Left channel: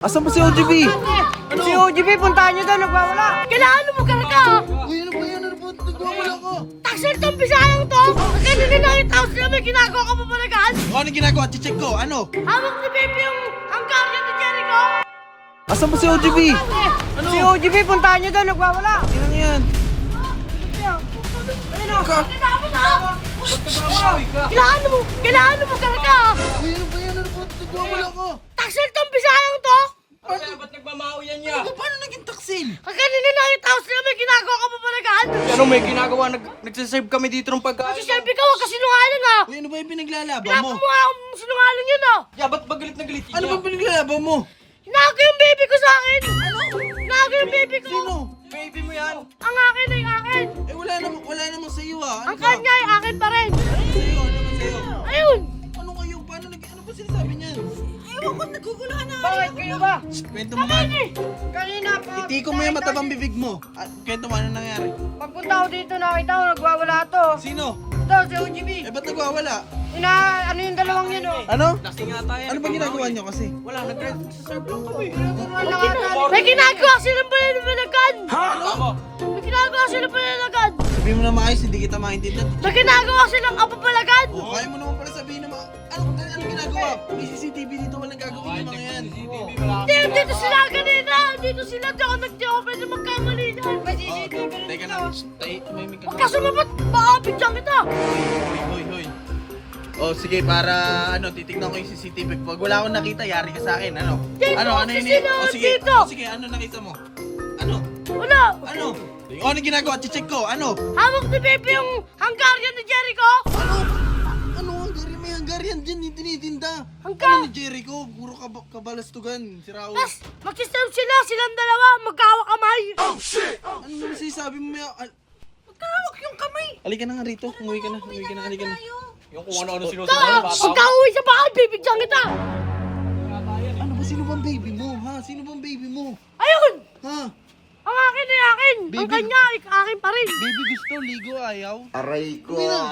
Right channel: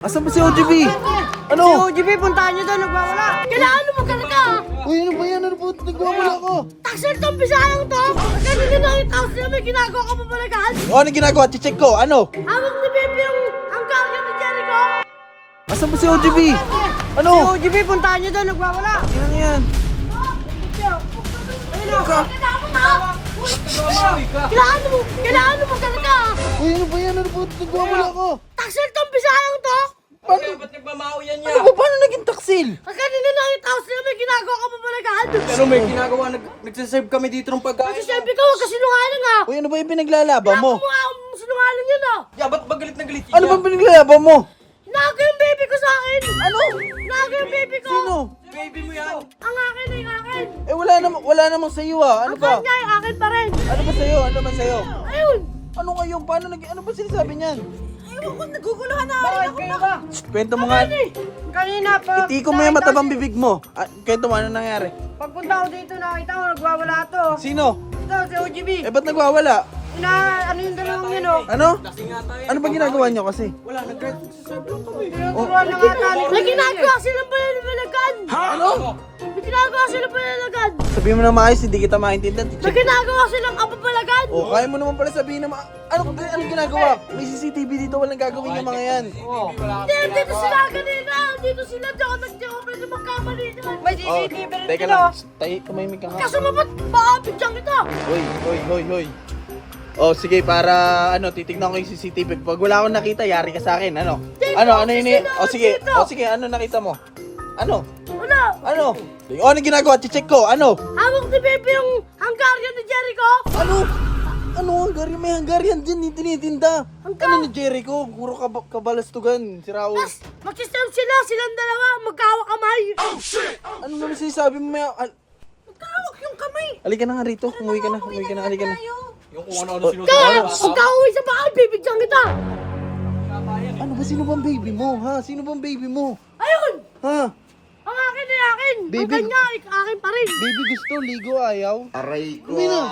Asan ba si OGB? Ano? Si OGB, puntahan nyo daw, nagwawala. Kailangan mo magkarga. Uy, ano ba yan? Ano ba? Nagwawala ka. Taxer tong bisayang to. Kasi ninangit house na may ginagawa ka papalagaan. O, anong ginagawa? Check ko. Ano? Hawak ni Baby yung ang karga ni Jericho. Asan ba si OGB? Ano? Si OGB, puntahan nyo daw, nagwawala. Yan yan. Ayun o. Kailangan mo magkarga. Uy, ano ba yan? Ano ba? Nagwawala ka. Taxer tong bisayang to. Ba't nagmamao yan niya? Ano ba? Paano naging taksil? Kasi ninangit house na may ginagawa ka papalagaan. Ano may ginagawa? Nagsaserve kami dito ng pagkain. Magsiselfie ka, huwag ka sinungaling ha. Uy, ano ba yung pinaglalaban mo? Kailangan mo nga sinungaling yun ha. Ya, ba't ba galit na galit Ano ba pinaglalaban mo? Nago yung baby ko sa akin! Ano? Nago yung baby ko! Sino? Baby mo yan. Ang akin ay akin! Eh, wala namang sa'yo ah. Ano Ang ba? kanya ay akin pa rin! Ano ba sa'yo? Ano ba sa'yo? Ayun! Ano kayo? Paano ano ba sinasabi niyan? Ewan ko, naguguluhan na Bakit kayo ba? Kwento mo nga. Kanina pa. Itiko mo yung matabang bibig mo. Kwento mo, ano nangyari? Pagpunta ko dito, nakita ko, nagwawala to. Sino? Ito, si OGB. Eh, ba't nagwawala? Ano yung dalawang yun oh? Ano? Lasing ata yan. Ano ba ginagawa niyo kasi? Wala, nagsaserve lang kami. Turuan na nga tali. May ginagawa silang pananalagan! Ano? May ginagawa silang pananalagan! Sabihin mo na maayos, hindi kita maintindihan. May ginagawa silang apapalagan! O, kaya mo naman pala sabihin na ano ginagawa? May CCTV dito, walang gagawin yung mga yan. Hindi, dito sila kanina! Dito sila, di ako nagtiyo, pwede magkamali dyan! May Oh, CCTV rin teka dito. lang. Tumahimik ka nga. Kaso mabat, maapit dyan kita! Hoy. Oh, sige, para titignan ko yung CCTV. Pag wala akong nakita, yari ka sa akin. Ano? Dito, Ano yun? sino? Oh, sige. Dito. Oh, sige, ano nakita mo? Ano? Wala! Ano? Oh, ano ginagawa? Check ko. Ano? Hawak ni Baby yung Hungarian ni Jericho! Ano? Hungarian? May Hungarian dyan, yung tinitinda. Ano ni Jericho? Puro kabalastugan. Si Raul. Tapos, mag-serve sila, silang dalawa, magkahawak kamay! Ano naman sinasabi mo? Magkahawak yung kamay! Halika na nga rito. Umuwi ka na. Halika na. Yung kung ano-ano Kaya, sinusuot. magkauwi sa bakal, bibigyan kita! Ano ba? Sino bang baby mo? Ha? Sino bang baby mo? Ayun! Ha? Ang akin ay akin! Ang Baby. kanya ay akin pa rin! Baby gusto, ligo, ayaw. Aray ko. Hindi na.